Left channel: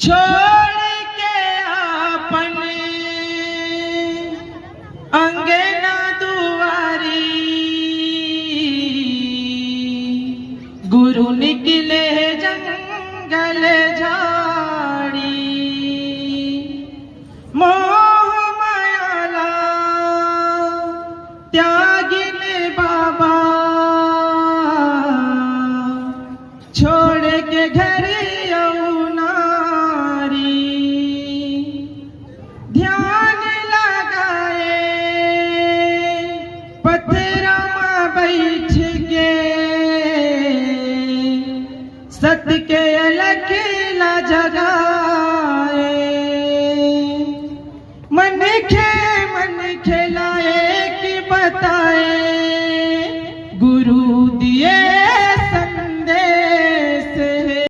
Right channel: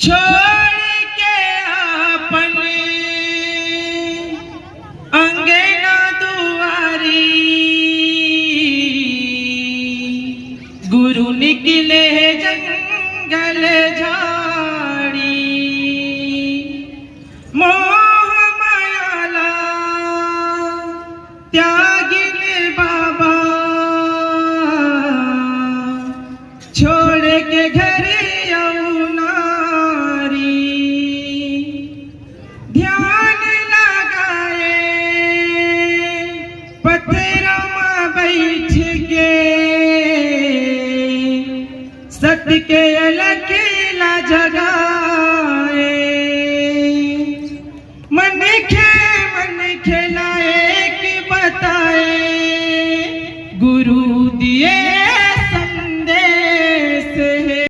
छोड़ के अपने अंगना दुआरी गुरु निकले जंगल झाड़ी मोह मायाला त्यागिन बाबा छोड़ के घर यमुनारी ध्यान लगाए पत्थरों में बैठ के सत्य के अलकेला जगाए मन खेला